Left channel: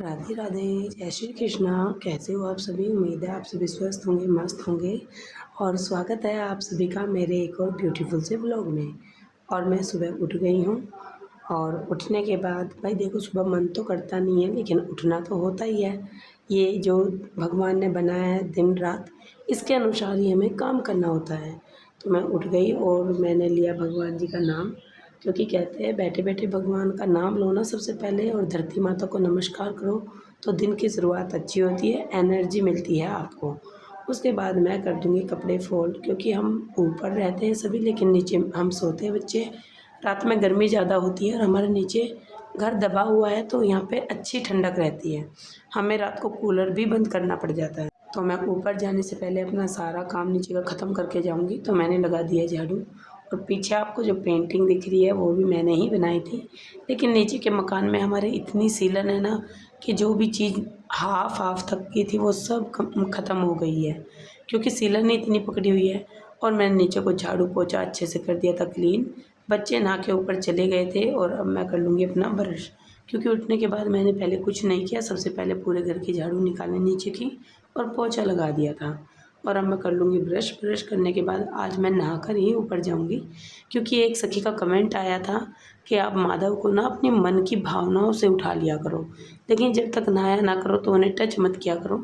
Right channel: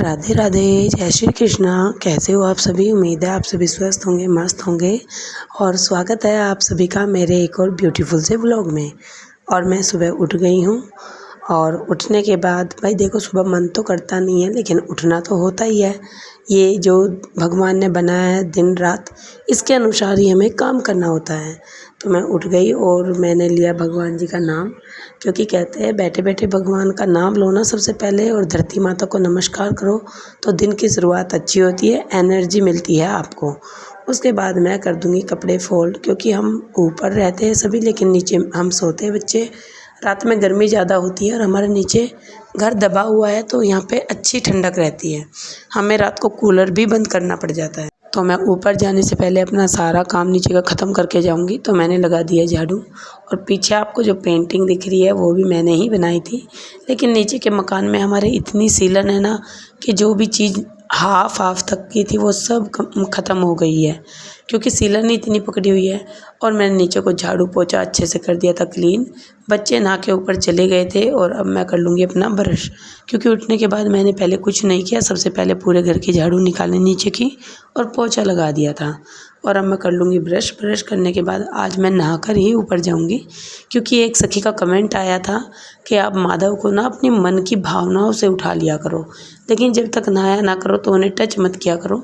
राधे राधे, जय श्री कृष्णा। कैसे हो आप सभी? उम्मीद है आप सभी स्वस्थ होंगे, मस्त होंगे। और स्वागत है आप सभी का मेरे एक और ब्यूटीफुल से व्लॉग में। और मैं सुबह उठ गई हूँ और उठने के बाद भाई देखो, सुबह मन तो करता नहीं है लेकिन उठना तो होता ही है। ये जो भगवान ने बनाया है दिन रात, इसके अनुसार ही हमें काम करना होता है। तो मैं उठ गई और मैंने लिया भगवान जी का नाम, क्योंकि कहते हैं बैठे बैठे भगवान का नाम लो ना सबसे पहले, और धरती माता को नमस्कार करो तो दिन की शुरुआत अच्छी होती है, एनर्जी मिलती है आपको। उसके बाद मैं कर दूँगी कपड़े फ़ोल्ड, क्योंकि हम ऊपर रहते हैं सभी लेकिन नीचे हम सोते हैं बच्चे। रात में गर्मी ज़्यादा होती है और हमारे नीचे घर दबा हुआ है तो यहाँ पे अच्छी ठंडक रहती है। हमें रात को कूलर भी बंद करना पड़ जाता है। तो मैं ऊपर जाने से पहले अपना सारा काम नीचे का ख़त्म करके जाऊँगी। तो मैंने लगा दिया झाड़ू, और पीछे आपको जो पेंटिंग दिख रही है वो भी मैंने ही बनाई थी। लेकिन नीचे के मकान में हमारे इतनी सीलन है ना कि जो भी चीज़ हाफ तक की थी वो सब ख़त्म हो गई है, क्योंकि सीलन ही इतनी पकड़ी हुई है। और मैंने नीचे को झाड़ू पोछा अच्छे से कर दिया था क्लीन। बच्चे नहा के ऊपर चले गए थे और अब मैं कर लूँगी अपना ब्रश, क्योंकि उठने के बाद मैंने पहले कुछ नहीं किया। सबसे पहले पूरे घर की झाड़ू निकाली नीचे की और पोछा लगा दिया था। और अब मैं कर लूँगी ब्रश। ब्रश करने के बाद आज मैं नहाकर ही ऊपर जाऊँगी, क्योंकि एक सखी का कमेंट आया था कि आप माधव को ना अपने मन की भावनाओं से उठा लिया करो, लेकिन जब तक नहाया ना करो तो उन्हें टच मत किया करो।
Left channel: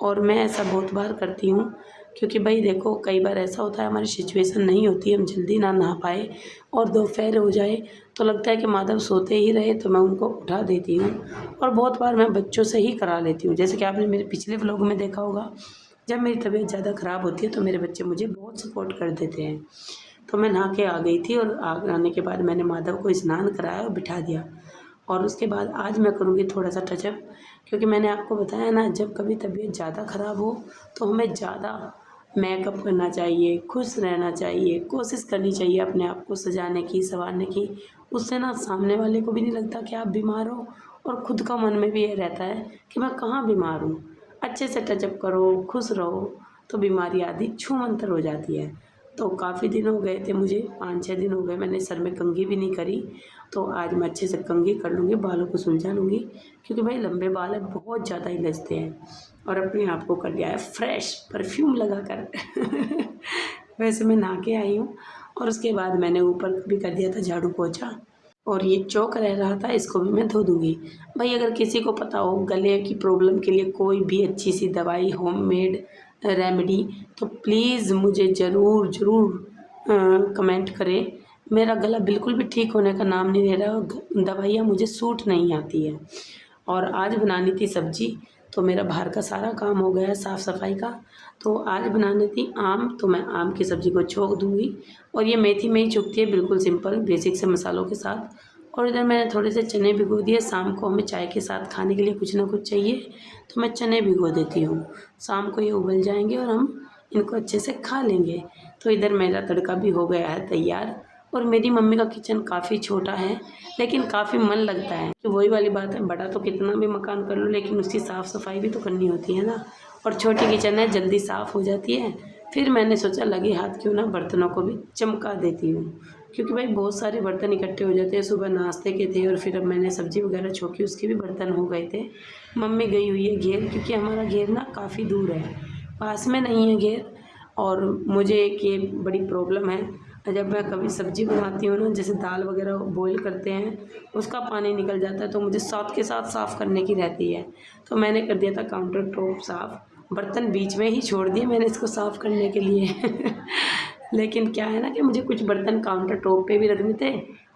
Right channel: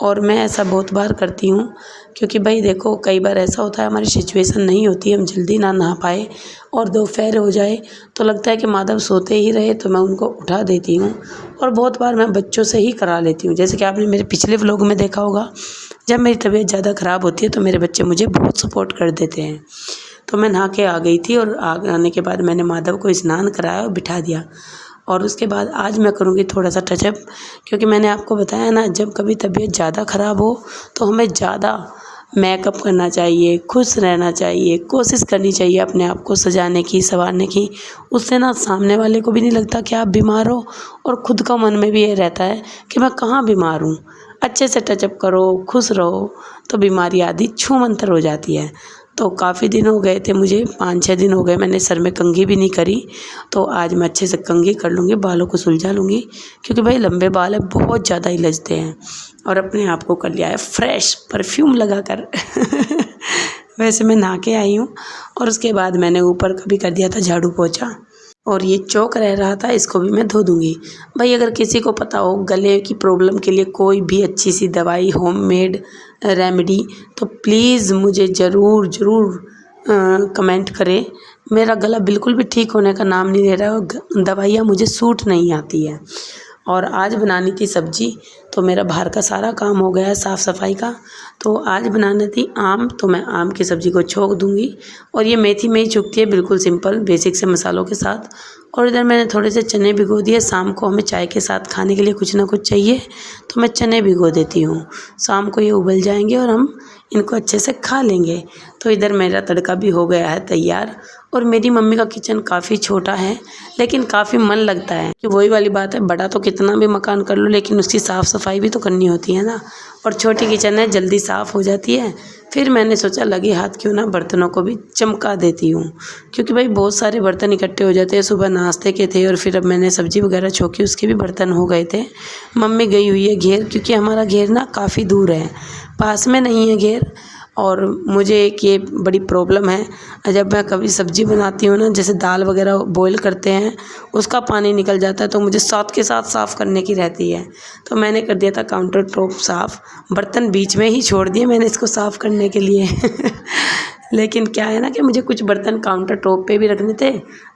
और मैं ऐसा बहुत बार करती हूँ, क्योंकि भाई देखो कई बार ऐसा होता है हमारी सिचुएशन नहीं होती, हम जल्दी ना नहा पाए और दोपहर हो जाए तो लगता है कि माधव सोते ही रहे, तो मैं उनको उठा देती हूँ। और बहुत बार मैं बच्चों से ही करा लेती हूँ, जैसे कि आपने मेरे पिछले व्लॉग में देखा होगा। जब मेरी तबीयत ज़्यादा ख़राब होती है तो मेरे बच्चे मुझे बहुत सपोर्ट कर देते हैं। तो मैं नहा के आ गई थी और आने के बाद मैंने माधव को स्नान कराया और बिठा दिया। और उसके बाद आज मैं करूँगी थोड़ा सा टचअप, क्योंकि मैंने आपको बताया ना, जब कभी तबीयत ज़्यादा ख़राब हो तो हमें ज़्यादा मेकअप करना चाहिए, खुश रहना चाहिए, कोशिश करनी चाहिए अपने आप को सजाने की, सँवारने की। उससे ना सामने वाले को भी नहीं लगता कि आप बीमार हो, और खुद का मन में भी ये रहता है कि मैं कहाँ बीमार हूँ। अच्छे से टचअप करो, खुश रहो, तो बीमारी आदि छूमंतर हो जाती है। तो काफ़ी दिन हो गए थे मुझे, 5-6 दिन हो गए मैंने सर में कंघी भी नहीं करी। तो आज मैं अच्छे से कंघी कर लूँगी, बालों को सुलझा लूँगी, क्योंकि भाई लंबे बाल है, बहुत ज़्यादा ही लचते हैं। और अपने आप को कर लिया है फ्रेश परफ्यूम लगाकर वैसे मैं नहा के आई हूँ। और उसके बाद मैंने ऊपर का भी कर दिया था झाड़ू पोछा, और ये चौक रह रहा था, इसको भी मैं धो दूँगी। भाई अगर किसी को पता हो गले की प्रॉब्लम के लिए कोई भी अच्छी सी दवाई, होममेड रेमेडी, तो प्लीज़ मुझे ज़रूर कमेंट करें। मेरा गला बिल्कुल भी ठीक होने का नाम नहीं ले रहा है और दवाइयाँ मुझे सूट नहीं आती है। और आज बनानी थी सब्ज़ी, तो मेरा बाहर का सारा काम हो गया है साफ़ सफाई का। तो आज बनानी थी आम, तो मैं आम की सब्ज़ी को छोंक दूँगी। और ये मेथी में ही चुगती है, बिल्कुल सिंपल बेसिक से मसालों के साथ। और इधर मैंने थोड़े से चने भिगो दिए, शाम को हमें चाय के साथ खाने के लिए कुछ ना कुछ चाहिए, तो मैं चने भिगो देती हूँ। शाम को ये उबल जाएंगे और हम इनको अच्छे से खा लेंगे। तो इधर मेरा तड़का भी हो गया है तैयार। और मेरी मम्मी का किचन काफ़ी छोटा है लेकिन काफ़ी मन लगता है, कि वही वाली बात है, बड़ा तो कितना भी मकान कर लो लेकिन उसकी साफ़ सफाई भी तो करनी होती है ना। और छोटी किचन है, जल्दी साफ़ हो जाती है। फिर मैंने सोचा लगे हाथ क्यों ना बर्तनों को भी चमका देती हूँ, क्योंकि भाई बहुत सारे बर्तन इकट्ठे हो जाते हैं। सुबह नाश्ते के थे और फिर अब मैंने सब्ज़ी वगैरह छोंकी, उसके भी बर्तन हो गए थे। मम्मी गई हुई है घेर, क्योंकि हमारा घेर ना काफ़ी दूर है, पास में नहीं है घेर। और मुझे एक ये बड़ी प्रॉब्लम है, जब मैं कभी सब्ज़ी बनाती हूँ ना, जैसे दाल वगैरह बॉईल करते हैं, उसका पानी निकल जाता है, तो मुझे साथ के साथ साफ़ करने की रहती है। तो मैंने कर दिया था काउंटर टॉप साफ़, बर्तन बीच में ही छोड़ दिए मैंने इसको साफ़ करने के लिए लेकिन क्या है ना कि मुझे कुछ बर्तन काउंटर टॉप पे भी रखने थे,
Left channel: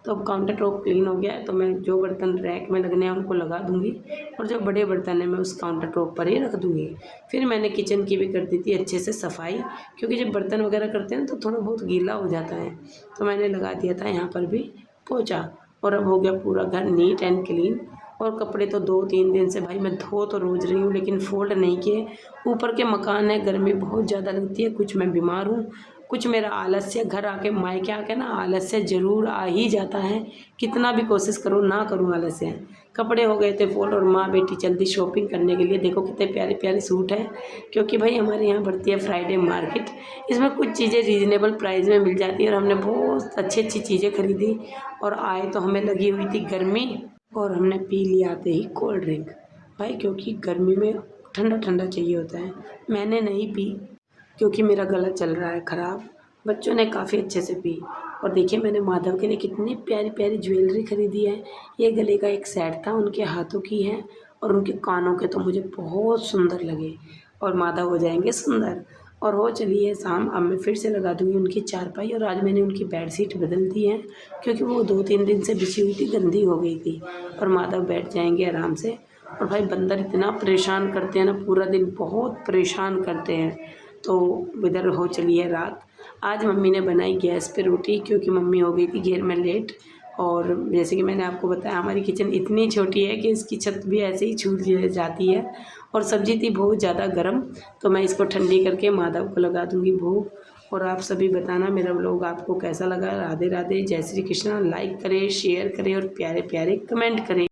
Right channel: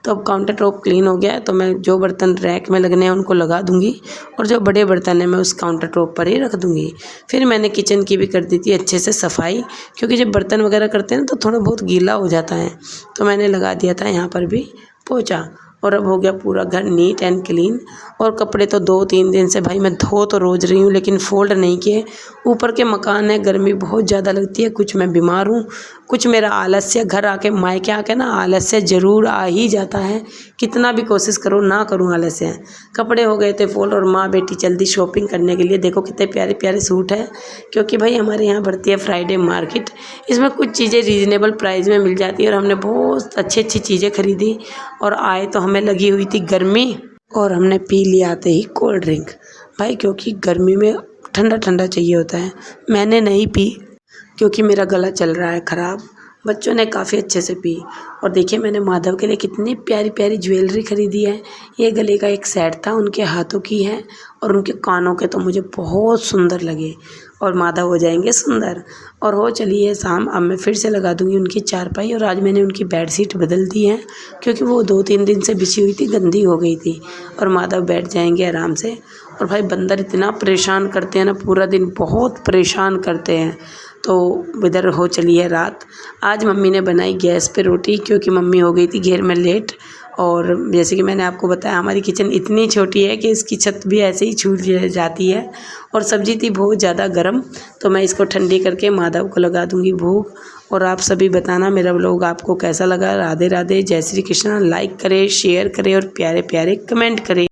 तो अब काउंटर टॉप क्लीन हो गया है, तो मैं जो बर्तन रैक में लगने हैं उनको लगा दूँगी, और जो बड़े बर्तन हैं मैं उस काउंटर टॉप पर ही रख दूँगी। फिर मैंने किचन की भी कर दी थी अच्छे से सफाई, क्योंकि जब बर्तन वगैरह करते हैं ना तो थोड़ा बहुत गीला हो जाता है। तो मैंने लगा दिया था यहाँ पर भी पोंछा, और अब हो गया पूरा घर नीट एंड क्लीन। और कपड़े तो 2-3 दिन से भाई मैं धो तो रोज़ रही हूँ लेकिन फ़ोल्ड नहीं किए। ऊपर के मकान है, गर्मी बहुत ज़्यादा लगती है, कुछ मैं बीमार हूँ, कुछ मेरा आलस्य, घर आके मायके आके ना आलस्य ज़रूर आ ही जाता है, कितना भी कोशिश करो ना करूँ आलस्य। कपड़े हो गए थे फोल्ड, और माँ बेटी जल्दी शॉपिंग करने के लिए, देखो कितने प्यारे प्यारे सूट हैं, क्योंकि भाई हमारे यहाँ बढ़ती है फ्राइडे मार्केट। इसमें कुछ चीज़ें रीज़नेबल प्राइस में मिल जाती है, और हमने बहुत अच्छी अच्छी चीज़ें खरीदी। और आए तो हमें लगी हुई थी गर्मी, और हमने पी लिया आते ही कोल्ड ड्रिंक। भाई क्योंकि गर्मी में ठंडा ठंडा चाहिए होता है। मैंने नहीं पी क्योंकि मेरा गला चल रहा है ख़राब। बच्चों ने काफ़ी अच्छे से पी। और देखिए मैंने माधव के लिए कितनी प्यारी प्यारी ज्वेलरी खरीदी है। ये गले का एक सेट था, उनके हाथों की है और उनके कानों के तो मुझे बहुत सुंदर लगे। और माधव हो जाएंगे सुंदर। और हो चली है शाम, अब मैं फिर से लगा दूंगी उनकी चारपाई। और आज मैंने उनकी बेडशीट बदल दी है क्योंकि वो 2-3 दिन से बिछी हुई थी, गंदी हो गई थी। और माधव बैठ जाएंगे आराम से। और भाई बंदर इतना परेशान करते हैं ना, पूरा दिन बहुत परेशान करते हैं। तो इधर हो चली है रात। आज मम्मी ने बनाई गैस पे रोटी क्योंकि मम्मी हो गई थी घेर में लेट। और जैसे कि मैंने आपको बताया, हमारी किचन इतनी छोटी है कि इसकी छत भी ऐसे ही छूट जाती है। और सब्ज़ी थी बहुत ज़्यादा गर्म, तो मैं इसको ठंडी करके माधव को लगा दूंगी भूख। और आप सभी बताना मेरा व्लॉग आपको कैसा लगा। राधे राधे, जय श्री कृष्ण। लाइक करें, शेयर करें और प्यारे प्यारे कमेंट करें।